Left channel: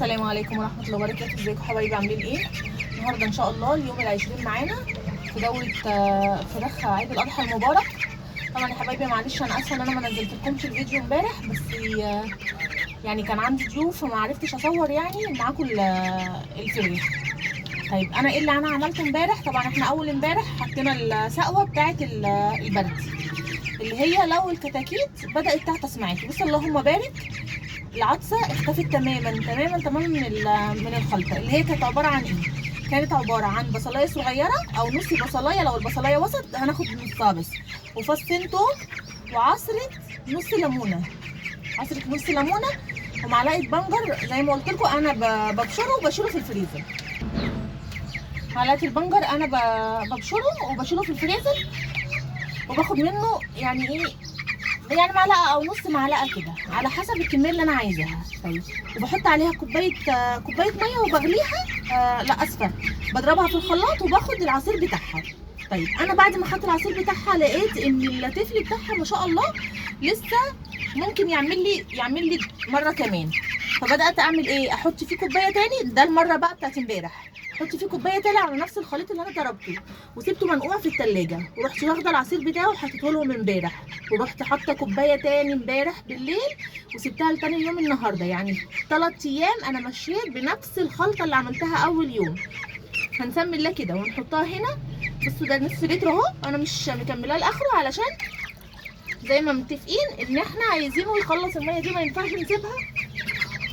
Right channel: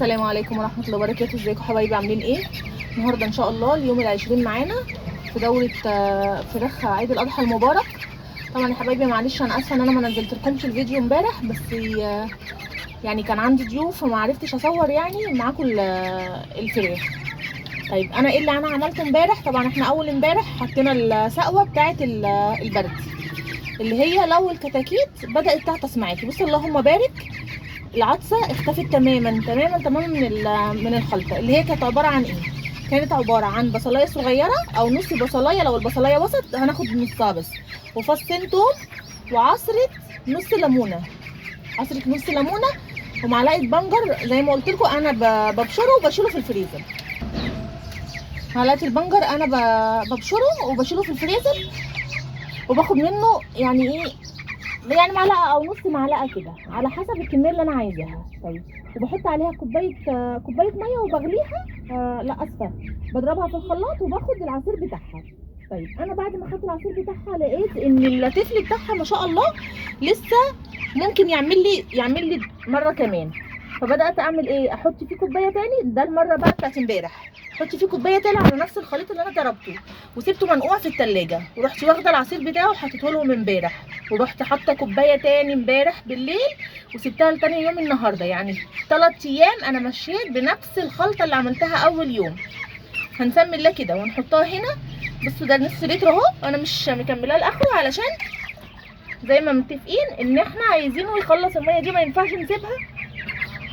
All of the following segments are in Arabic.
السلام عليكم ورحمه الله وبركاته. ازيكم حبايبي، عاملين ايه؟ النهارده ان شاء الله اليوم ال20 معانا في دوره فراخ عيد الاضحى المبارك. طبعا يا حبايبي معلش انا اسفه ان انا ما نزلتلكمش الفيديو امبارح، بس يعني كان عندي ضيوف وما عرفتش اصور يعني معاكم الفراخ. طيب انا ايه اللي انا عملته امبارح؟ طبعا احنا اول امبارح حطينا السقوه بتاعه البرد اللي هي لو الكتاكيت بدات تعطس معاكي. بصي اللهم بارك، العطسه اختفت تماما من الخلطه اللي هي كانت عباره عن ايه؟ كانت عباره عن بصلايه صغيره او نص بصلايه، لو البصلايه وسط هناخد نصها بس، وفصين توم، وعصره نص ليمونه، ومعلقه بنجر زي ما قلت لكم انا ببشره وبشيله في الفريزر. معلقه البنجر انا ببشره وبشيله في الفريزر، وباخد منه يعني ايه، يعني معلقه او نص معلقه كده على حسب الكميه اللي انا عايزاها. طيب وبحط عليها كوبايه ميه وبغليها، لا اسفه، بضربها في الخلاط وباخد العصير بتاعها. طيب انا بعد ما خدت العصير بتاعها لقيت ان التفل بتاعها ما شاء الله لسه ممكن يعمل لي مره كمان. فبدات اعمل ايه، احط فيه كوبايه تاني، ده المره بقى بتاعت امبارح، احط فيه كوبايه تاني على نفس الخليط اللي انا ضربته وسبته منقوع في التلاجة، ورحت واخده العصير بتاعه وحطيته لهم امبارح، ورحت حاطه كوبايه تاني امبارح بالليل وسبتها لتاني يوم النهارده. يعني 3 ايام انا مشيت بنفس الخلطه اللي عملتها اول يوم. هنسمي الله كده ونحطها هنا. بصوا ده نص لتر اهو، انا مش مكملاه لاخره علشان زي ما متفقين ان احنا عايزينه يخلص الميه دي، ما ينفعش نسيبها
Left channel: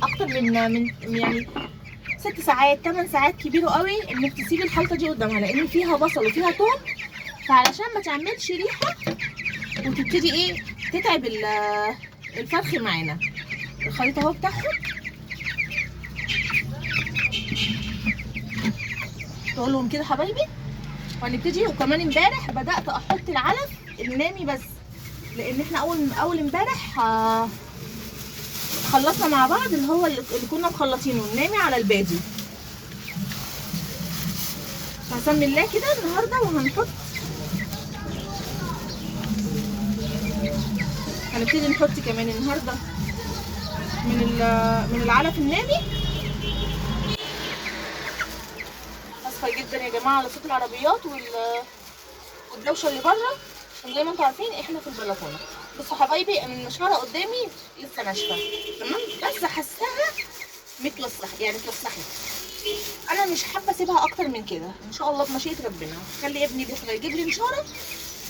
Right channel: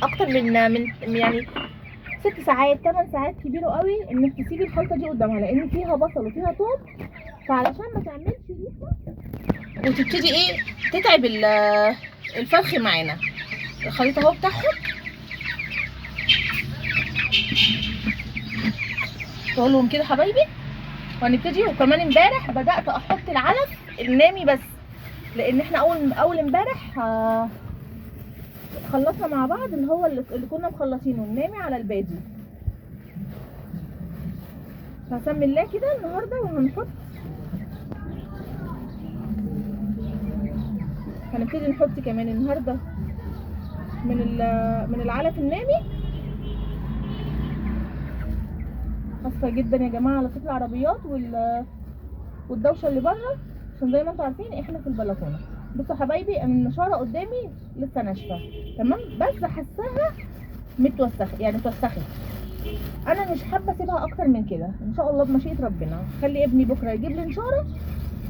اكتر من يعني 6 ساعات 8 ساعات، كبيره قوي انك تسيبي الخلطه دي قدامها لان فيها بصل وفيها توم، فعلشان ما تعملش ريحه وتبتدي ايه تتعب الفرخ معانا. الخليط اهو بتاعهم تقولهم كده حبايبي، وهنبتدي. وكمان امبارح بدات احط العلف النامي بس، لان احنا اول امبارح خلصنا مع بعض اللي هو اللي كنا مخلصينه النامي على البادي. هسمي الله كده النهارده، هنبتدي نحط كمان النهارده من العلف النامي. اسفه جدا يا جماعه على صوت العربيات والدوشه اللي بره، عشان زي ما انتم عارفين احنا في البلكونه. بصوا حبايبي ان النشاره قدامي لسه ناشفه تمام، بس حاساها متوسخه، يعني اتوسخت. انا مش حابه اسيبها اكتر من كده. ان شاء الله بمشيئه ربنا خلي ابني بكره يجيب لي نشاره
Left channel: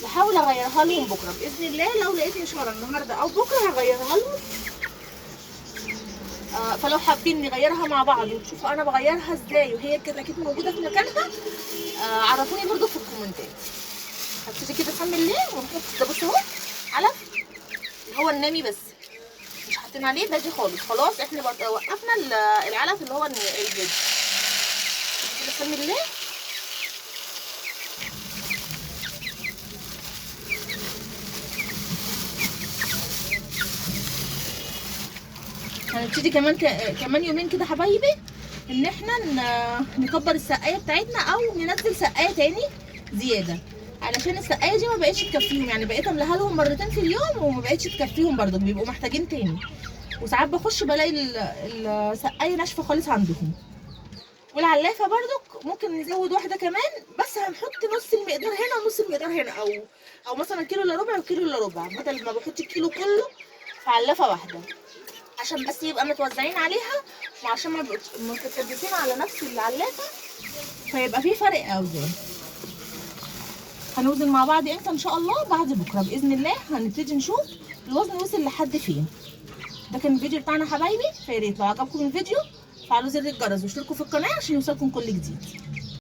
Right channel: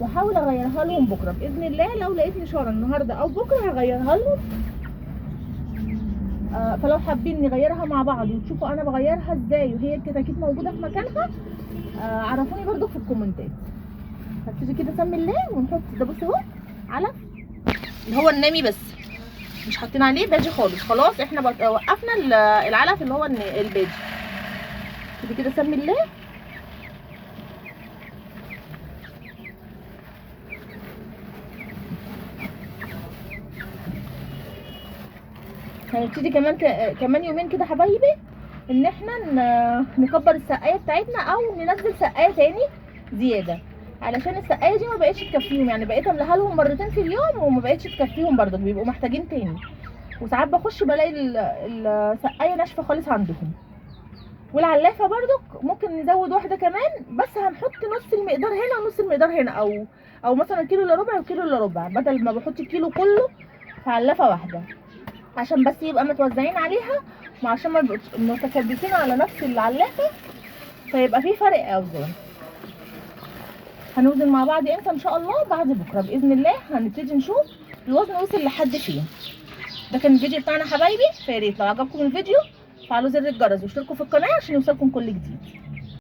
واحاول اغيرها لهم بكره باذن الله. لو لقيت نشاره النهارده او بكره هغيرها لهم. فلو حابين نغيرها مع بعض وتشوفوا انا بغيرها ازاي وهي الكتاكيت موجوده في مكانها، عرفوني برده في الكومنتات. هبتدي كده اسمي الله ونحط ده. بصوا اهو علف اللي هو النامي بس، مش حاطين عليه باجي خالص. خلاص احنا وقفنا العلف اللي هو الباجي. كده اسمي الله. هنبتدي كمان يومين كده حبايبي ان احنا نكبر السقايه بتاعتنا او ننزل سقايه تاني زياده، علشان السقايه دي ما بقتش تكفيهم. يعني بقيت املاها لهم مرتين في اليوم وما بقتش تكفيهم برضه، بيبقوا محتاجين تاني. وساعات بخش بلاقي السقايه ناشفه خالص عندهم. والعلافه برضك ممكن نزود واحده كمان، بس هنحط نص المقدار هنا ونص المقدار هنا، او مثلا كيلو الا ربع وكيلو الا ربع، بدل ما بحط الكيلو كله في علافه واحده، عشان بس يبقى متوزعين عليها وعشان ما يبقوش متكدسين على نفس العلافه، فيبقى في فرق اوزان. هنوزن مع بعض امتى؟ ان شاء الله بعد بكره باذن الله هنبتدي نشوف الوزن وصل لحد فين. ده كان الفيديو بتاعنا حبايبي. فياريت لو عجبكم الفيديو فعلوا زر الجرس واشتركوا في القناه عشان يوصلكم كل جديد.